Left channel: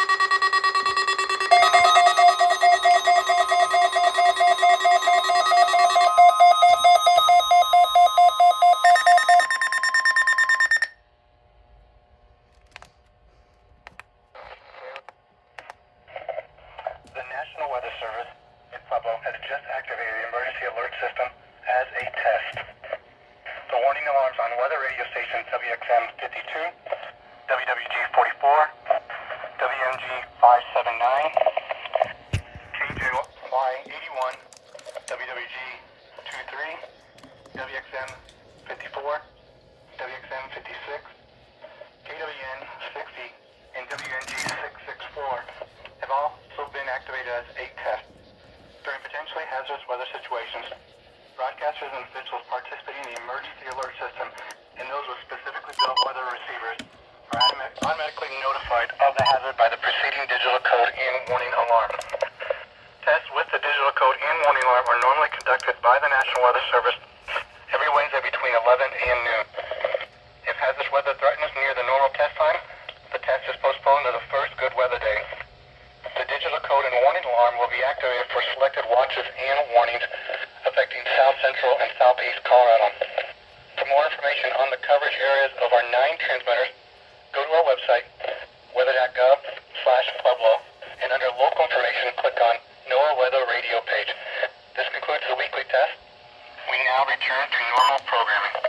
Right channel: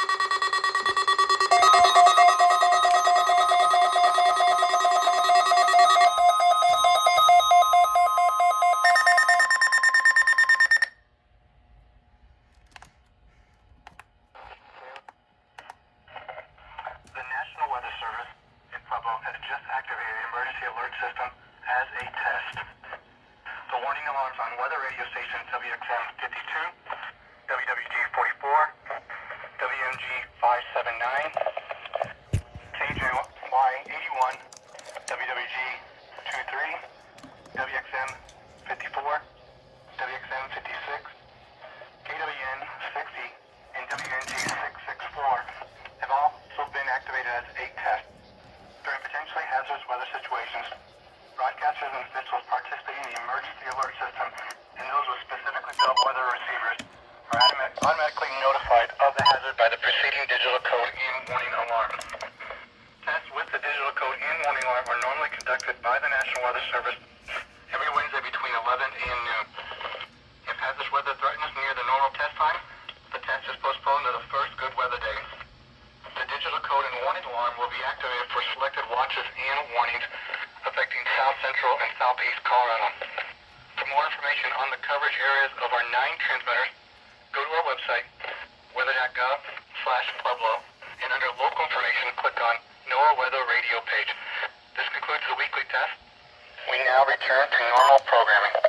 The National Weather Service in Pueblo has just activated the emergency alert system as a test. The warning alarms on weather radio stations WXM 52, WWG 44, WMG 579, KJY 81, WWG 23, WXM 54, WXM 56, KWN 60, and WNG 664 have also been activated as a test. During potentially hazardous weather situations, broadcasters and officials participating in the emergency alert system and those with specifically built weather receivers are automatically notified of the hazard by the preceding digital code and warning alarm. Tests with the digital code and warning alarm are normally conducted by the National Weather Service every Wednesday between 11 and noon. If hazardous weather threatens near the normal test time, the test is postponed to the first good weather day. The digital code and warning alarm will be activated for selected watches and warnings affecting South Central and Southeast Colorado. For more information on the coverage areas of our 9 transmitters, go to our website, weather.gov/Pueblo, and under local information, click on NOAA Weather Radio page. This concludes the weekly test. We now return to normal programming.